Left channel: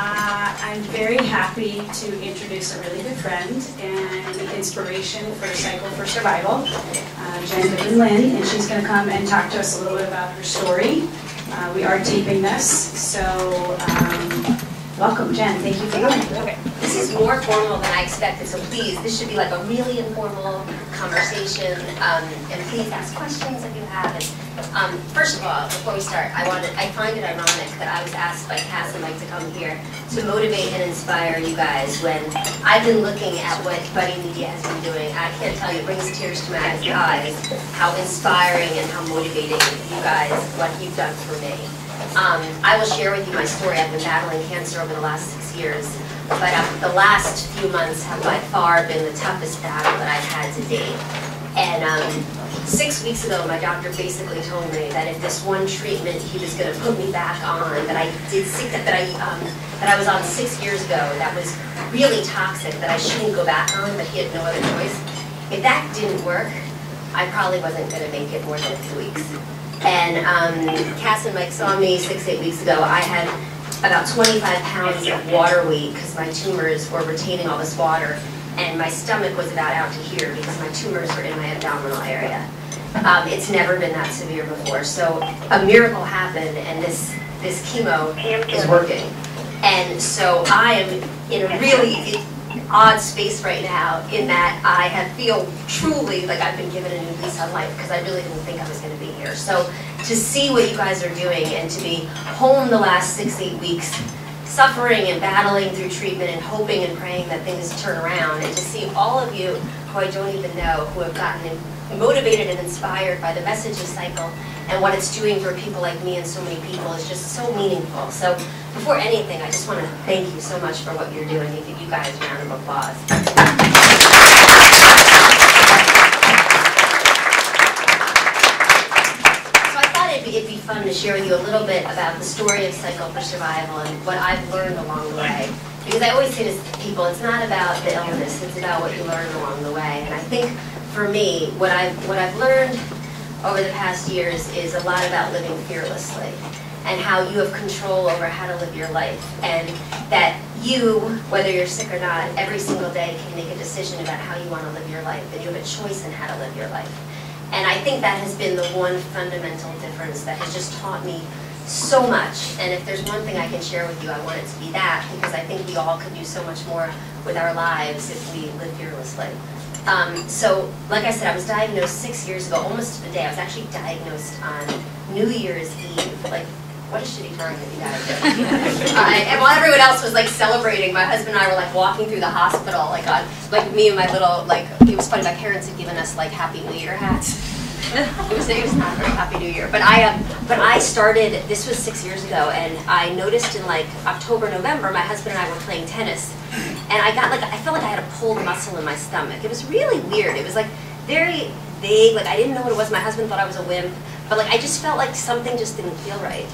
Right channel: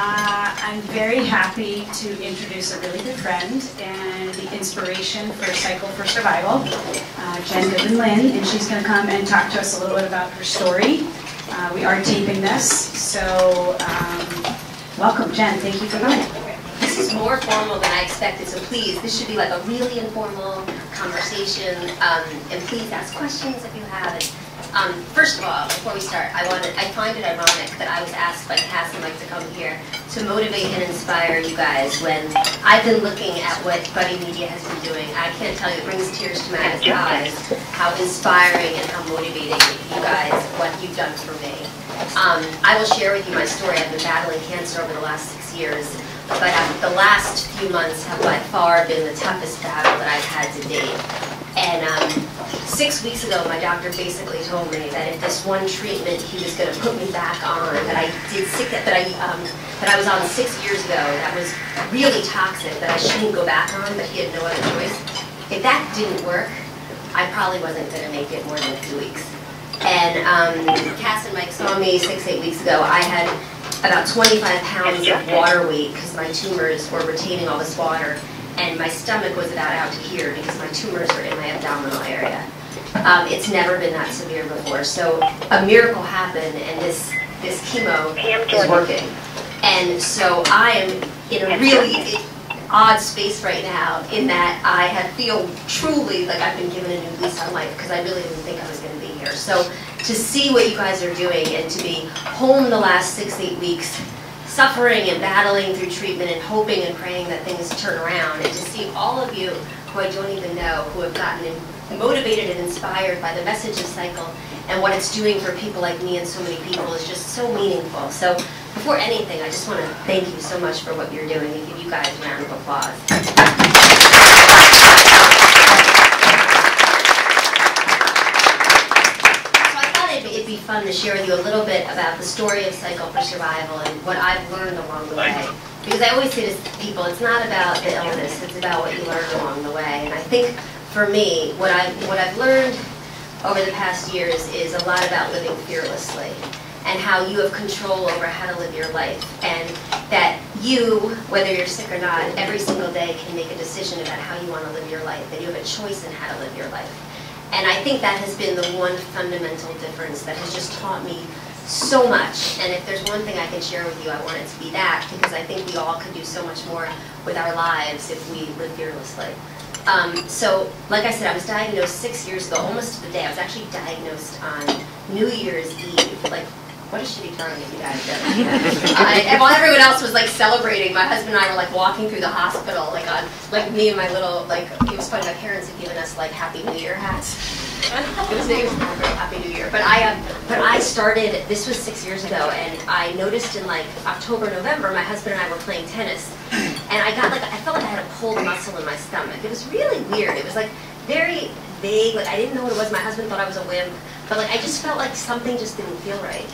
I'm very happy to introduce a really good friend and the inspiration for Cycle for Survival, Jen Lynn, and she's going to come and talk to us a little bit about her story. We are taping this, so welcome, Jen. Thank you for coming. Okay. This is more formal than I expected, so please, this should be like a really informal conversation, and please ask questions if you have. And, first of all, before we start, I find it ironic that I was asked by Cass and Mike to come here to motivate and inspire you guys when I've been looking at what Buddy Media has been doing. I can't tell you, it brings tears to my eyes how inspiring and how motivating you guys, what you've done for me. I will share with you my story. I've been battling cancer over the last 6 years, but the last few months have by far been the toughest battle that I've had to date. And 6 weeks ago, my doctor basically told me that if this one treatment he was going to put me back on, that I was on 6 years ago, that was really toxic, that I shouldn't go back on, but he had no other choice. If that didn't work, I probably wasn't going to make it more than 2 weeks. And Cass and Mike saw me 6-8 weeks ago. I had about 25 pounds of water weight because my tumors were retaining all this water, and my stomach was about out to here because my tumors were in my abdominal area. It's never been that severe before. So a miracle happened, and this chemo is working. And so I am in a really odd space right now in that I feel truly like I've been given a new lease on life because I really didn't think I was going to be here. So to see what you guys are doing and to be home the last 6-8 weeks, suffering and battling through treatment and hoping and praying that things turn around, and to see all of you who I don't even know who have gotten motivated and inspired by the message of Cycle and what it's doing for people like me and so many people is just so meaningful. So before anything, I just want to thank you so much for what you're doing and give you guys a round of applause. It'd be fun to share with you a little bit about the story of Cycle for Survival and what I've learned along the way. Because I always say to people, it's not about the illness, it's about what you learn along the way. And I think for me, what I've learned over the past years is a lot about living fearlessly and how you have control over how to live your life. And that you, whether you're sick or not, every single day can make a decision about how you want to live your life, and you have a choice in how to live your life. And I think that has been the one fundamental difference that has just taught me so much. And if there's one thing I can share with you, I want it to be that, because I think we all could do so much more with our lives if we live fearlessly. So, like I said, I was diagnosed 6 years ago, almost to the day. I was actually diagnosed on New Year's Eve. Like, what a shitty time that you guys did. And while everyone else was like celebrating, my husband and I were like walking through the hospital, like me and my little, like, it was funny, my parents had given us like Happy New Year hats. It was not a very Happy New Year. But I started, this was 6 years ago, and I noticed in like October, November, my husband and I were playing tennis. And I felt like I had a pulled muscle in my stomach. It was really weird. It was like very vague, like I didn't know what it was. My husband thought I was a wimp. But like I just felt like something just didn't feel right.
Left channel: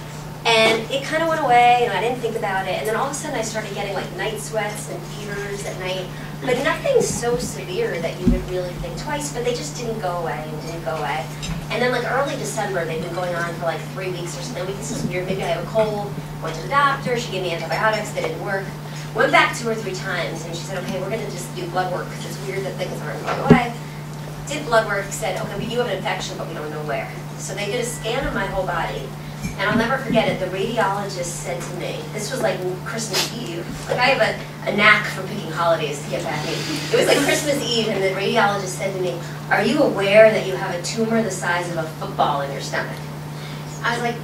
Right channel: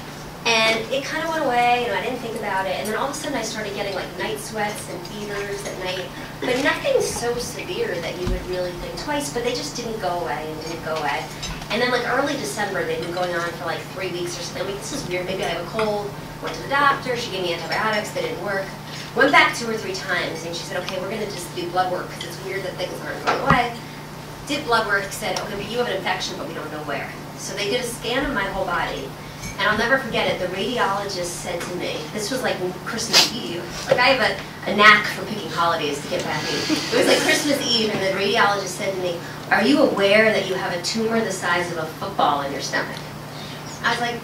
And it kind of went away, and I didn't think about it. And then all of a sudden I started getting like night sweats and fevers at night. But nothing so severe that you would really think twice, but they just didn't go away and didn't go away. And then like early December, they've been going on for like 3 weeks or something. I'm like, this is weird, maybe I have a cold. Went to the doctor, she gave me antibiotics, they didn't work. Went back 2 or 3 times, and she said, okay, we're gonna just do blood work, because it's weird that things aren't going away. Did blood work, said, okay, but you have an infection, but we don't know where. So they did a scan of my whole body. And I'll never forget it, the radiologist said to me, this was like Christmas Eve, like I have a knack for picking holidays to get back at me. It was like Christmas Eve, and the radiologist said to me, are you aware that you have a tumor the size of a football in your stomach? I was like,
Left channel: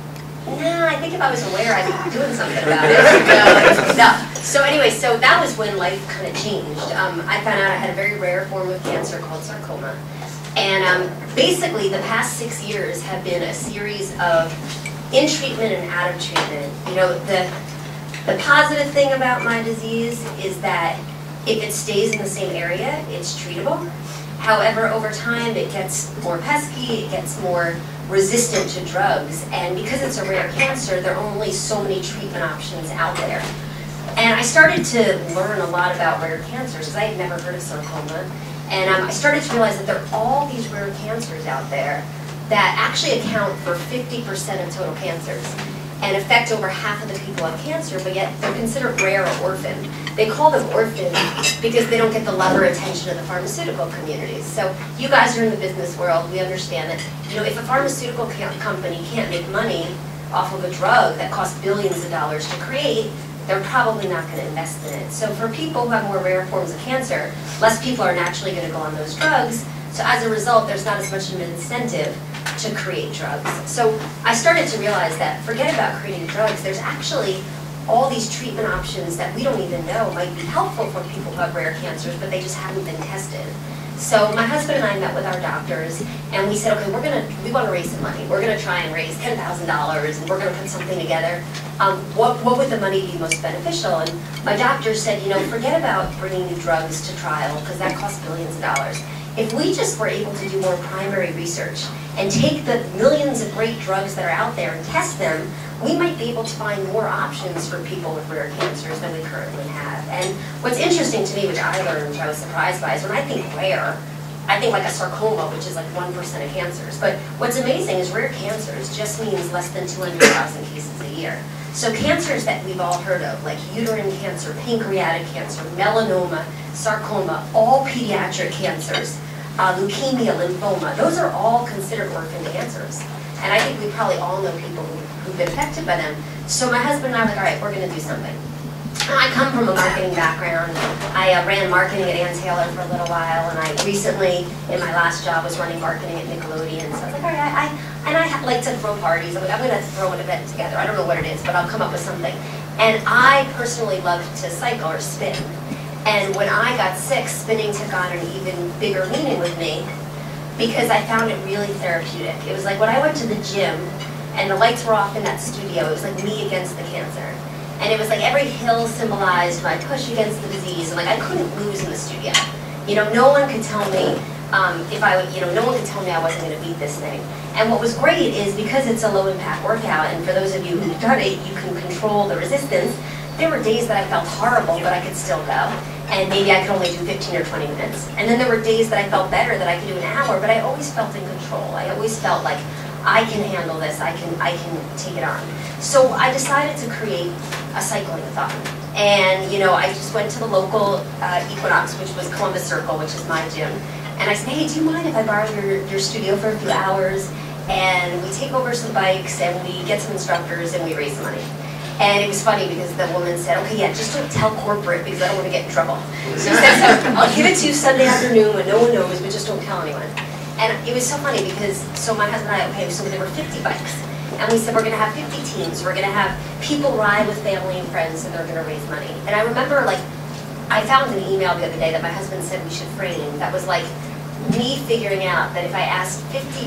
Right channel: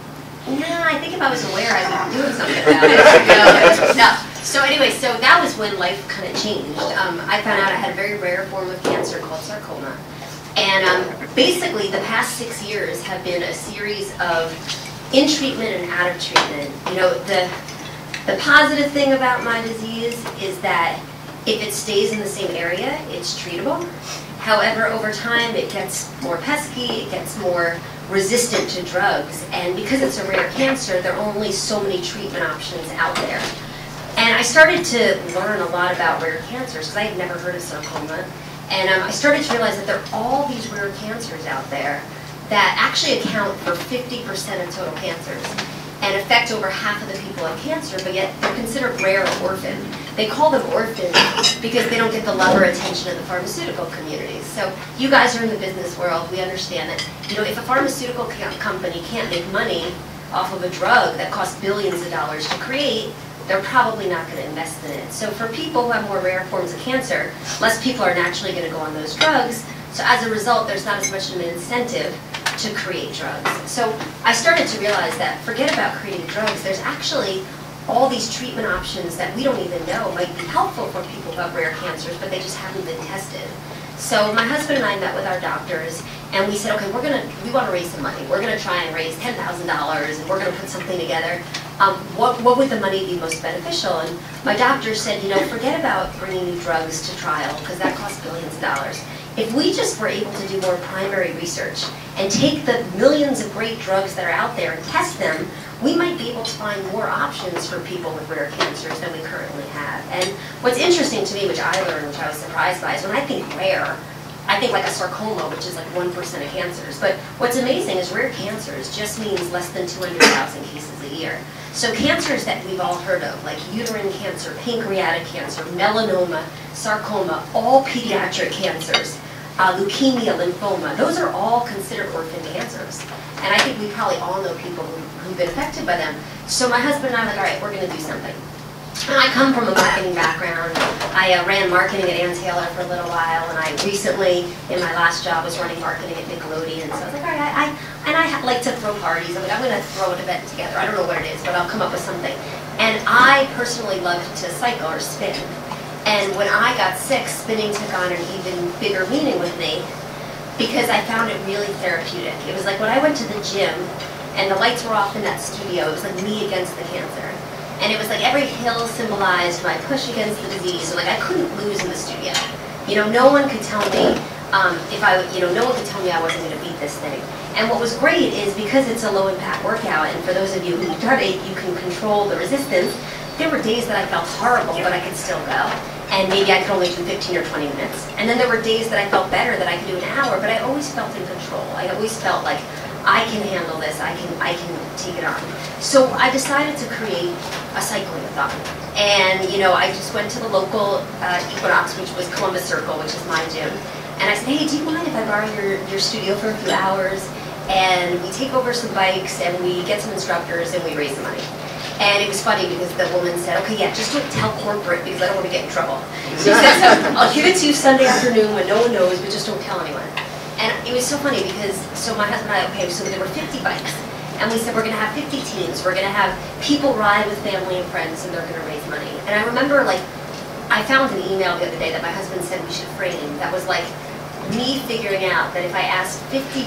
nah, I think if I was aware, I'd be doing something about it. No. So anyway, so that was when life kind of changed. I found out I had a very rare form of cancer called sarcoma. And basically, the past 6 years have been a series of in treatment and out of treatment. You know, the positive thing about my disease is that if it stays in the same area, it's treatable. However, over time, it gets more pesky, it gets more resistant to drugs, and because it's a rare cancer, there are only so many treatment options out there. And I started to learn a lot about rare cancers, because I had never heard of sarcoma, and I started to realize that there are all these rare cancers out there that actually account for 50% of total cancers. and affect over half of the people who have cancer, but yet they're considered rare or orphan. They call them orphan because they don't get the love or attention of the pharmaceutical communities. So you guys are in the business world. We understand that, you know, if a pharmaceutical company can't make money off of a drug that costs billions of dollars to create, they're probably not going to invest in it. So for people who have more rare forms of cancer, less people are naturally going to go on those drugs. So as a result, there's not as much of an incentive to create drugs. So I started to realize that forget about creating drugs, there's actually all these treatment options that we don't even know might be helpful for people who have rare cancers, but they just haven't been tested. So my husband and I met with our doctors, and we said, okay, we want to raise some money. We're going to try and raise $10,000, and we're going to put something together. What would the money be most beneficial? And my doctor said, you know, forget about bringing new drugs to trial, because that costs billions of dollars. If we just were able to do more primary research and take the millions of great drugs that are out there and test them, we might be able to find more options for people with rare cancers than we currently have. And what's interesting to me, which I learned, which I was surprised by, is when I think rare, I think like a sarcoma, which is like 1% of cancers. But what's amazing is rare cancers just means less than 200,000 cases a year. So cancers that we've all heard of, like uterine cancer, pancreatic cancer, melanoma, sarcoma, all pediatric cancers, leukemia, lymphoma, those are all considered orphan cancers. And I think we probably all know people who've been affected by them. So my husband and I were like, all right, we're going to do something. And I come from a marketing background. I ran marketing at Ann Taylor for a little while, and I recently, in my last job, was running marketing at Nickelodeon. So I was like, all right, I like to throw parties. I'm like, I'm going to throw an event together. I don't know what it is, but I'll come up with something. And I personally love to cycle or spin. And when I got sick, spinning took on an even bigger meaning with me, because I found it really therapeutic. It was like when I went to the gym and the lights were off in that studio, it was like me against the cancer. And it was like every hill symbolized my push against the disease, and like I couldn't lose in the studio. You know, no one could tell me no one could tell me I wasn't going to beat this thing. And what was great is because it's a low impact workout, and for those of you who've done it, you can control the resistance. There were days that I felt horrible, but I could still go. And maybe I could only do 15 or 20 minutes. And then there were days that I felt better, that I could do an hour, but I always felt in control. I always felt like I can handle this, I can take it on. So I decided to create a cycling-a-thon. And you know, I just went to the local Equinox, which was Columbus Circle, which is my gym. And I said, hey, do you mind if I borrow your studio for a few hours? And we take over some bikes, and we get some instructors, and we raise some money. And it was funny because the woman said, okay, yeah, just don't tell corporate because I don't want to get in trouble. So she said, I'll give it to you Sunday afternoon when no one knows, but just don't tell anyone. And it was so funny because, so my husband and I, okay, so there were 50 bikes. And we said, we're going to have 50 teams. We're going to have people ride with family and friends, and they're going to raise money. And I remember, like, I found an email the other day that my husband said we should frame that was like me figuring out that if I asked 50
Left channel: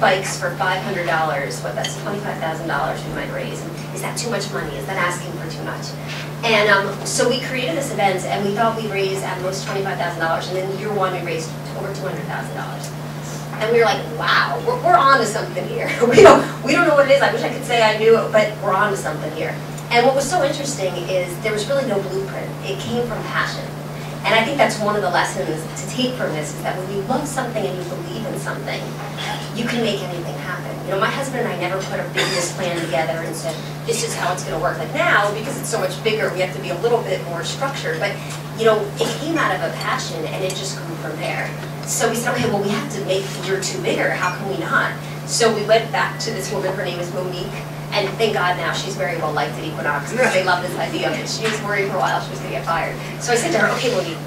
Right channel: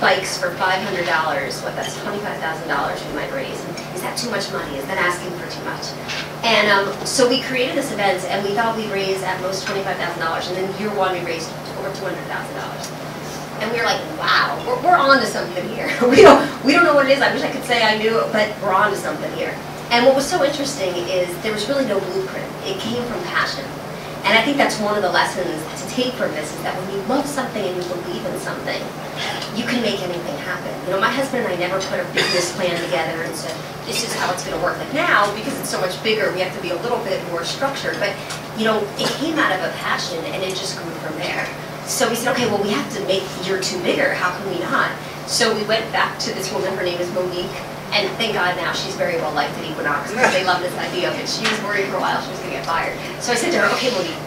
bikes for $500, what, that's $25,000 we might raise. And is that too much money? Is that asking for too much? And so we created this event, and we thought we'd raise at most $25,000, and then year one we raised over $200,000. And we were like, wow, we're on to something here. we don't know what it is. I wish I could say I knew it, but we're on to something here. And what was so interesting is there was really no blueprint. It came from passion. And I think that's one of the lessons to take from this, is that when you love something and you believe in something, you can make anything happen. You know, my husband and I never put a business plan together and said, this is how it's going to work. Like now, because it's so much bigger, we have to be a little bit more structured. But, you know, it came out of a passion, and it just grew from there. So we said, okay, well, we have to make year two bigger. How can we not? So we went back to this woman. Her name is Monique. And thank God now she's very well liked at Equinox, because they love this idea of it. She was worried for a while she was going to get fired. So I said to her, okay, Monique,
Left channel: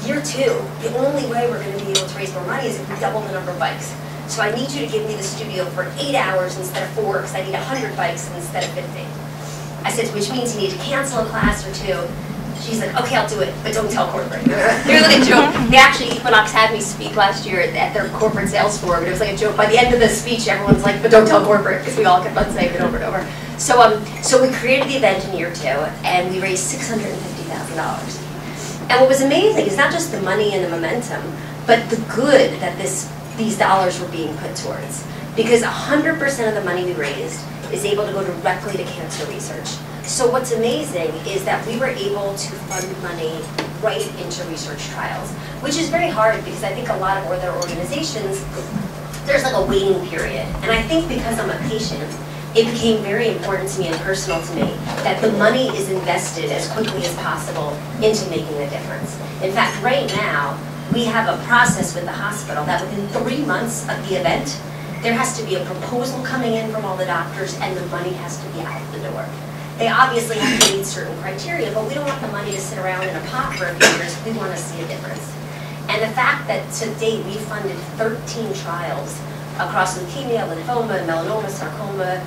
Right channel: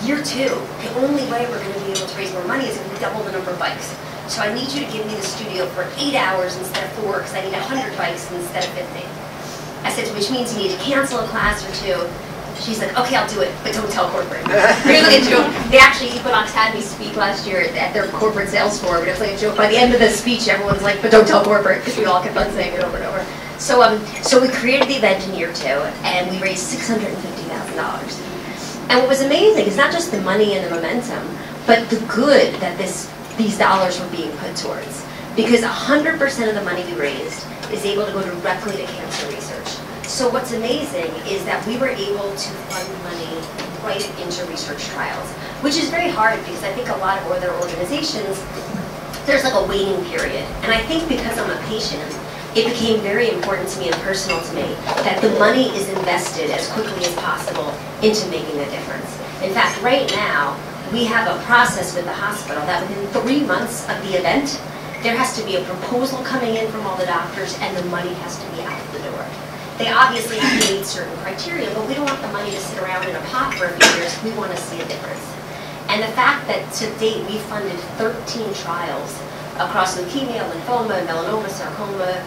year two, the only way we're going to be able to raise more money is if we double the number of bikes. So I need you to give me the studio for 8 hours instead of 4, because I need 100 bikes instead of 50. I said, which means you need to cancel a class or 2. She's like, okay, I'll do it, but don't tell corporate. Here's like a joke. They actually, Equinox had me speak last year at their corporate sales forum, but it was like a joke. By the end of the speech, everyone's like, but don't tell corporate, because we all kept on saying it over and over. So we created the event in year 2, and we raised $650,000. And what was amazing is not just the money and the momentum, but the good that these dollars were being put towards. Because 100% of the money we raised is able to go directly to cancer research. So what's amazing is that we were able to fund money right into research trials, which is very hard because I think a lot of other organizations, there's like a waiting period. And I think because I'm a patient, it became very important to me and personal to me that the money is invested as quickly as possible into making a difference. In fact, right now, we have a process with the hospital that within 3 months of the event, there has to be a proposal coming in from all the doctors and the money has to be out the door. They obviously have to meet certain criteria, but we don't want the money to sit around in a pot for a few years. We want to see a difference. And the fact that to date we funded 13 trials across leukemia, lymphoma, melanoma, sarcoma,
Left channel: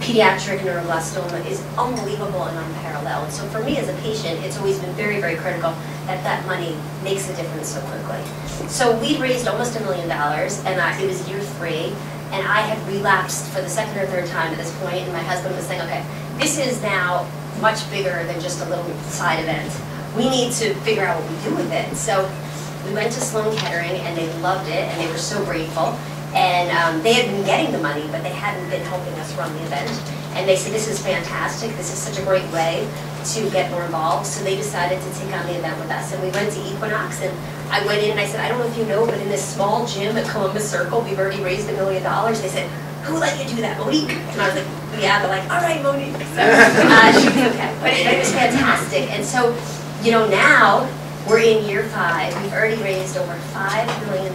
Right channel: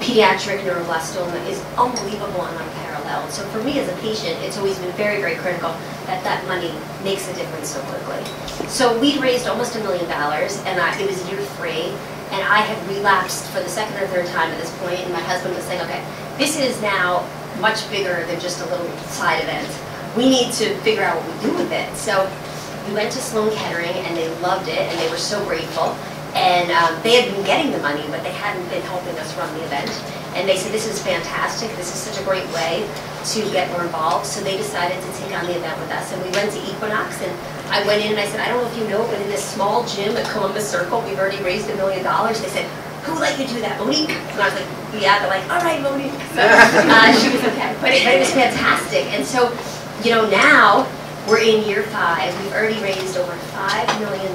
pediatric neuroblastoma is unbelievable and unparalleled. So for me as a patient, it's always been very, very critical that that money makes a difference so quickly. So we raised almost $1 million, and it was year 3, and I had relapsed for the second or third time at this point, and my husband was saying, okay, this is now much bigger than just a little side event. We need to figure out what we do with it. So we went to Sloan Kettering, and they loved it, and they were so grateful. And they had been getting the money, but they hadn't been helping us run the event. And they said, this is fantastic. This is such a great way to get more involved. So they decided to take on the event with us. And we went to Equinox, and I went in and I said, I don't know if you know, but in this small gym at Columbus Circle, we've already raised $1 million. They said, who let you do that, Monique? And I was like, yeah. They're like, all right, Monique. So she was okay. But it was fantastic. And so, you know, now we're in year 5. We've already raised over $5 million.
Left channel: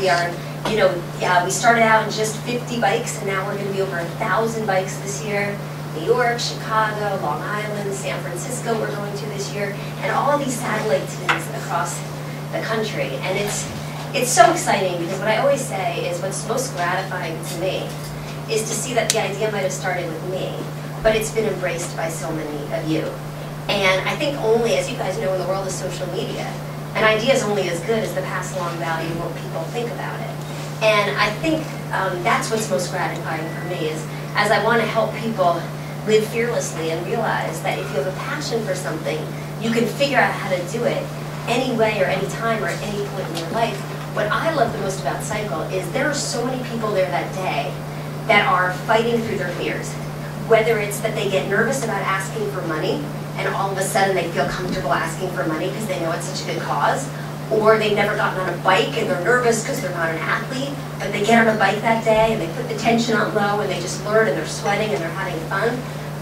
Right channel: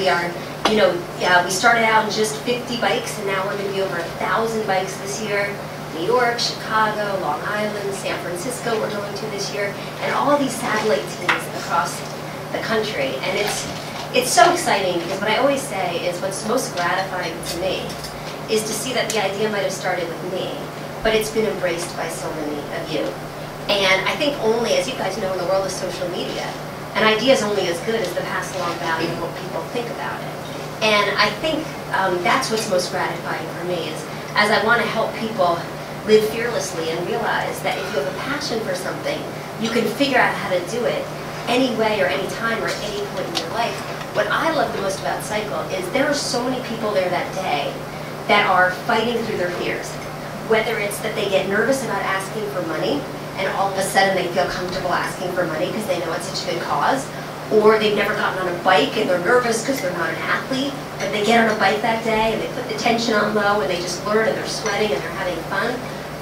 We are, you know, we started out in just 50 bikes, and now we're going to be over 1,000 bikes this year. New York, Chicago, Long Island, San Francisco we're going to this year, and all of these satellite teams across the country. And it's so exciting because what I always say is what's most gratifying to me is to see that the idea might have started with me, but it's been embraced by so many of you. And I think only, as you guys know, in the world of social media, an idea is only as good as the pass along value and what people think about it. And I think that's what's most gratifying for me is as I want to help people live fearlessly and realize that if you have a passion for something, you can figure out how to do it any way or any time or at any point in your life. What I love the most about Cycle is there are so many people there that day that are fighting through their fears. Whether it's that they get nervous about asking for money and all of a sudden they feel comfortable asking for money because they know it's such a good cause, or they've never gotten on a bike and they're nervous because they're not an athlete, but they get on a bike that day and they put the tension on low and they just learn and they're sweating and they're having fun.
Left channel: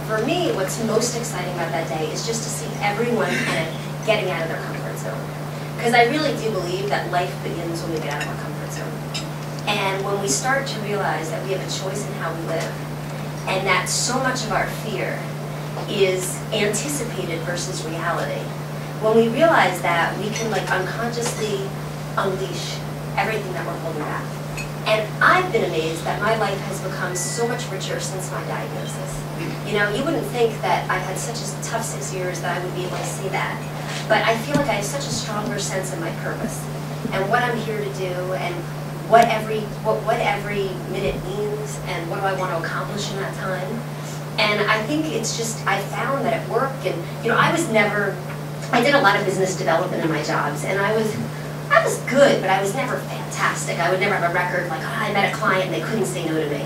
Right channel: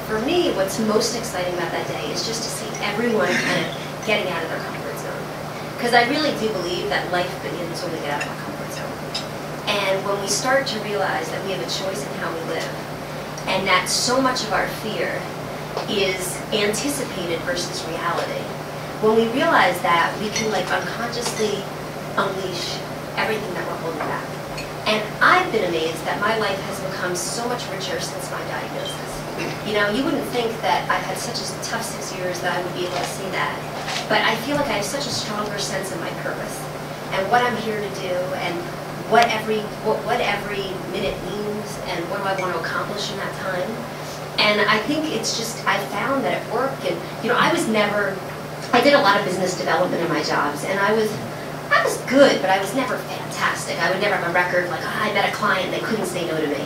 For me, what's most exciting about that day is just to see everyone kind of getting out of their comfort zone. Because I really do believe that life begins when we get out of our comfort zone. And when we start to realize that we have a choice in how we live, and that so much of our fear is anticipated versus reality. When we realize that, we can like unconsciously unleash everything that we're holding back. And I've been amazed that my life has become so much richer since my diagnosis. You know, you wouldn't think that I've had such a tough 6 years that I would be able to say that. But I feel like I have such a stronger sense of my purpose and what I'm here to do and what every minute means and what do I want to accomplish in that time. And I think it's just, I found that at work, and you know, I did a lot of business development in my jobs, and I was good, but I was never fantastic. I would never have a record like, oh, I met a client and they couldn't say no to me.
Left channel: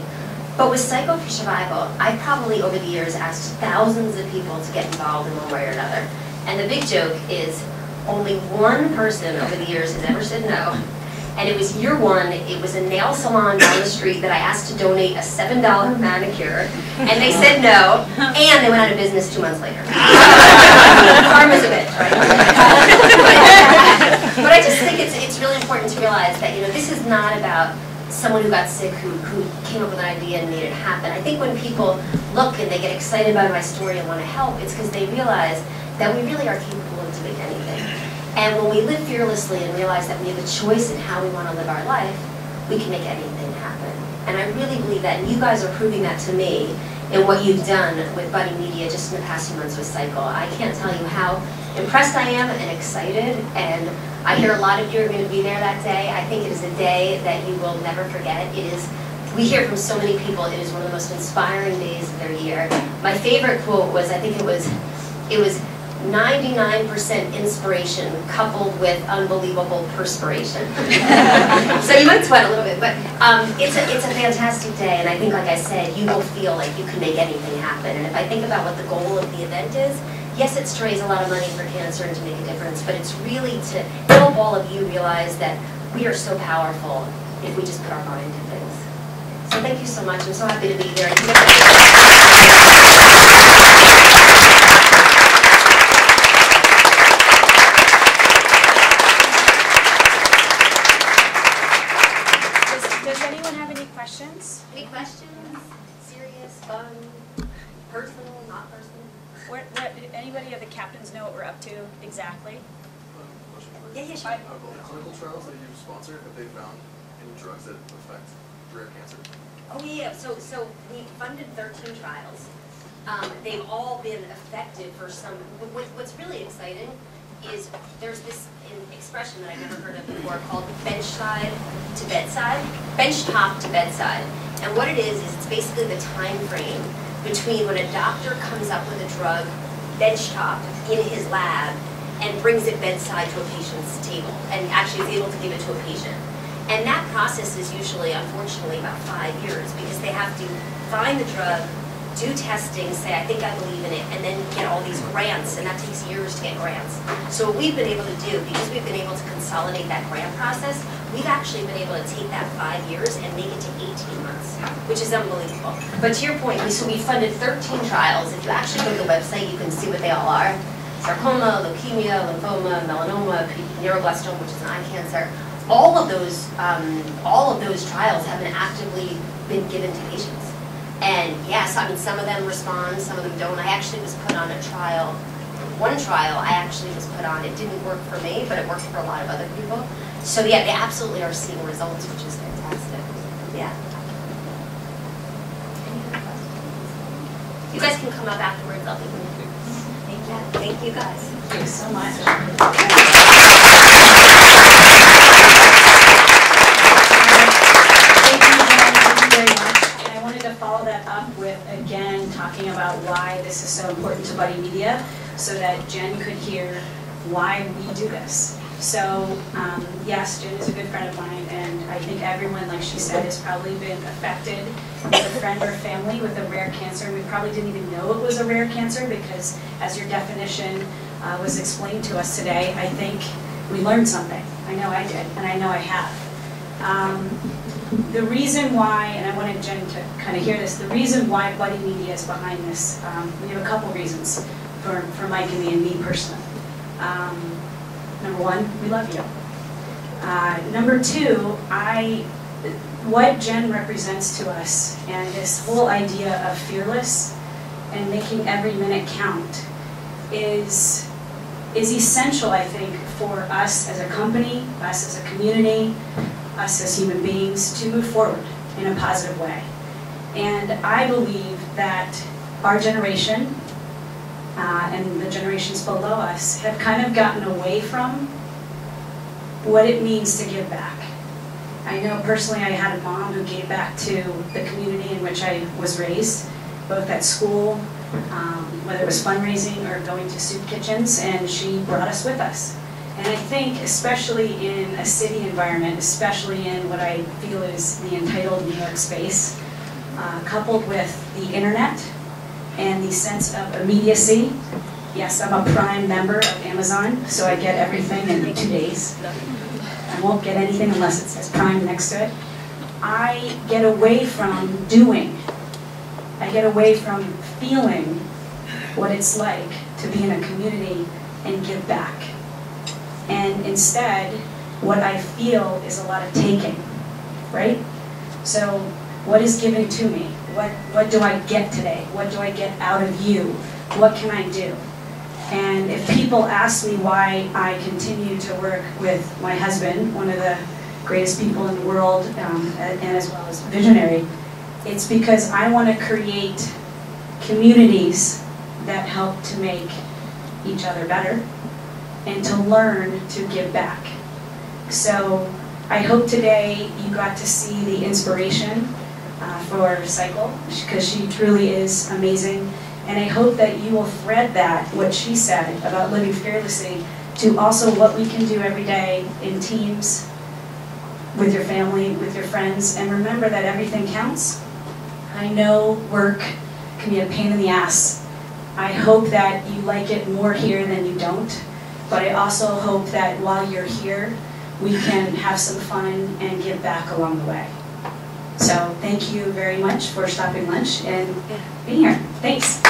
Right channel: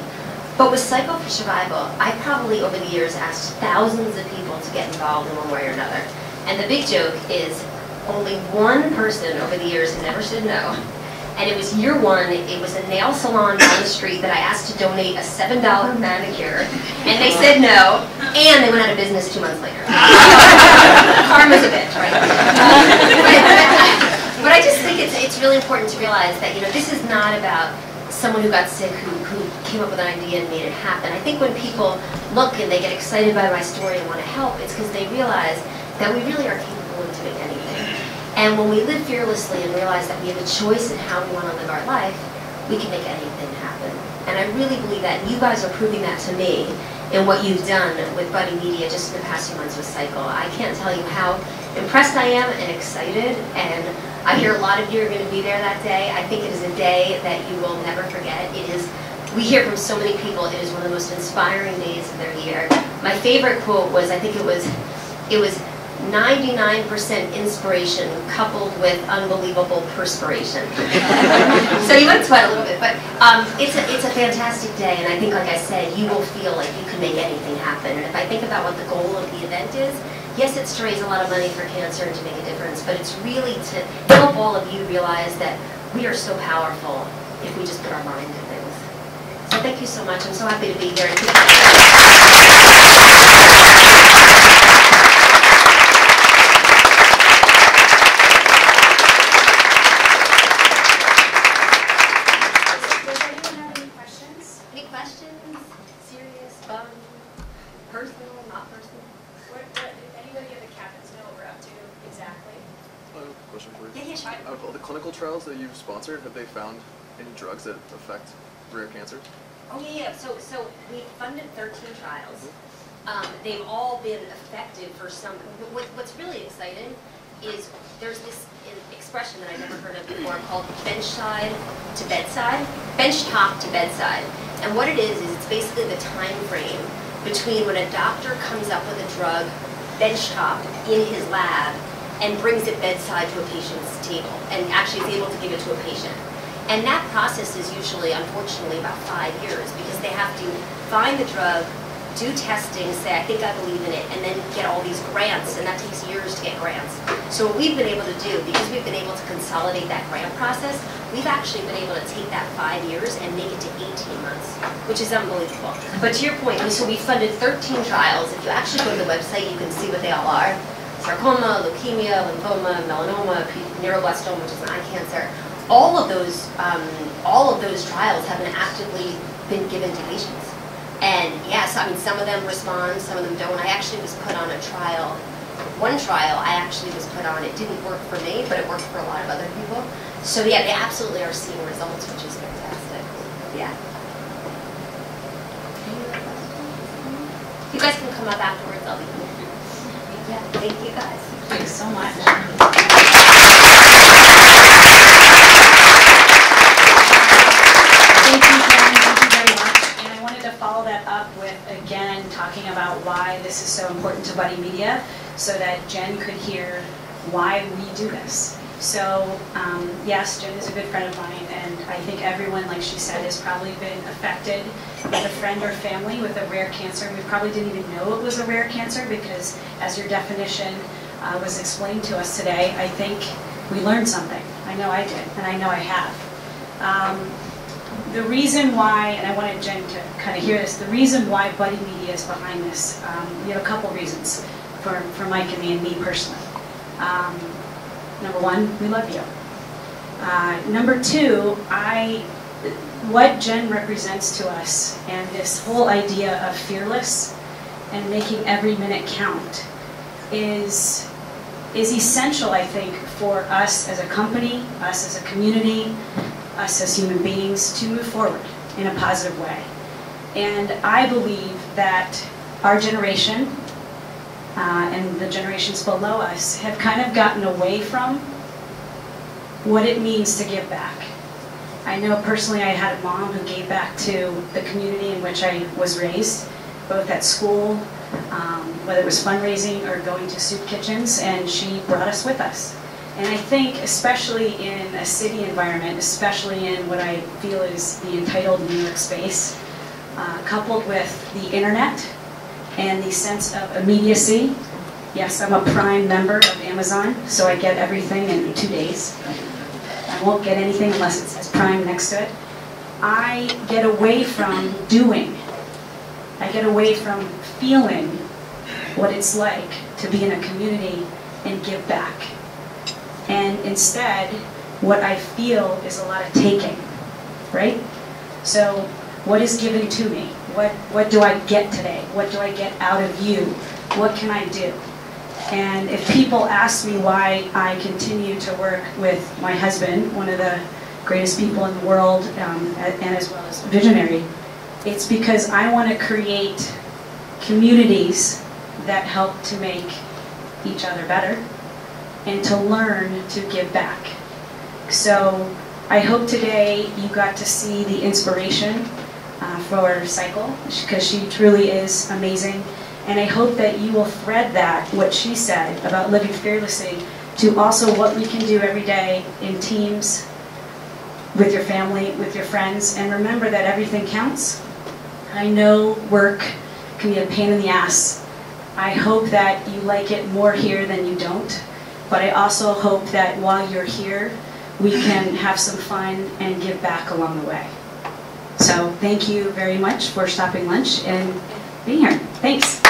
But with Cycle for Survival, I probably over the years asked thousands of people to get involved in one way or another. And the big joke is only one person over the years has ever said no. And it was year 1, it was a nail salon down the street that I asked to donate a $7 manicure, and they said no, and they went out of business 2 months later. Karma's a bitch, right? But I just think it's really important to realize that, you know, this is not about someone who got sick who came up with an idea and made it happen. I think when people look and they get excited by my story and want to help, it's because they realize that we really are capable of doing anything. And when we live fearlessly and realize that we have a choice in how we want to live our life, we can make anything happen. And I really believe that, and you guys are proving that to me in what you've done with Buddy Media just in the past few months with Cycle. I can't tell you how impressed I am and excited, and I hear a lot of you are going to be there that day. I think it is a day that you will never forget. We hear from so many people, it is one of the most inspiring days of their year. My favorite quote was, I think it was 99% inspiration coupled with unbelievable perspiration. So you might sweat a little bit, but it's a fantastic day, and I think, like I said, you will feel like you can make anything happen. And if I think about what the goal of the event is, yes, it's to raise a lot of money for cancer and to make a difference, but it's really to help all of you realize that we are so powerful if we just put our mind to things. So thank you so much. I'm so happy to be here. Does anyone have any questions? Any questions? Serious, fun, personal, not personal? Anybody of the captains know what we're up to exactly? Question for you. Yeah, sure. Of the clinical trials that you've sponsored, have they found any drugs that affect rare cancers? Oh yeah. So we funded 13 trials. They've all been effective for some. But what's really exciting is there's this expression that I've never heard of before called benchtop to bedside. And what it is it's basically the time frame between when a doctor comes up with a drug benchtop in his lab and brings it bedside to a patient's table and actually is able to give it to a patient. And that process is usually, unfortunately, about 5 years because they have to find the drug, do testing, say, I think I believe in it, and then get all these grants, and that takes years to get grants. So what we've been able to do, because we've been able to consolidate that grant process, we've actually been able to take that 5 years and make it to 18 months, which is unbelievable. But to your point, so we funded 13 trials. If you actually go to the website, you can see what they all are. Sarcoma, leukemia, lymphoma, melanoma, neuroblastoma, which is an eye cancer. All of those trials have been actively been given to patients. And yes, I mean, some of them respond, some of them don't. I actually was put on a trial. One trial I actually was put on. It didn't work for me, but it worked for a lot of other people. So yeah, they absolutely are seeing results, which is fantastic. Yeah. Any other questions? You guys can come up afterwards. I'll be here. Thank you guys. Thank you so much. Thank you very much. And I wanted to follow that up with, again, talking about why this is so important to Buddy Media, so that Jen could hear why we do this. So, yes, Jen is a good friend of mine, and I think everyone, like she said, has probably been affected with a friend or family with a rare cancer. We probably didn't even know it was a rare cancer because, as your definition was explained to us today, I think we learned something. I know I did, and I know I have. The reason why, and I wanted Jen to kind of hear this, the reason why Buddy Media is behind this, we have a couple reasons for Mike and me personally. Number one, we love you. Number two, what Jen represents to us and this whole idea of fearless and making every minute count is essential, I think, for us as a company, us as a community, us as human beings to move forward in a positive way. And I believe that our generation and the generations below us have kind of gotten away from what it means to give back. I know personally I had a mom who gave back to the community in which I was raised, both at school, whether it was fundraising or going to soup kitchens, and she brought us with us. And I think especially in a city environment, especially in what I feel is the entitled New York space, coupled with the internet and the sense of immediacy. Yes, I'm a Prime member of Amazon, so I get everything in 2 days. I won't get anything unless it says Prime next to it. I get away from doing. I get away from feeling what it's like to be in a community and give back. And instead, what I feel is a lot of taking, right? So what is giving to me? What do I get today? What do I get out of you? What can I do? And if people ask me why I continue to work with my husband, one of the greatest people in the world, and as well as visionary, it's because I want to create communities that help to make each other better and to learn to give back. So I hope today you got to see the inspiration for Cycle, because she truly is amazing. And I hope that you will thread that, what she said about living fearlessly, to also what we can do every day in teams, with your family, with your friends. And remember that everything counts. I know work can be a pain in the ass. I hope that you like it more here than you don't. But I also hope that while you're here, we can have some fun and give back along the way. So thank you very much for stopping lunch and being here. Thanks.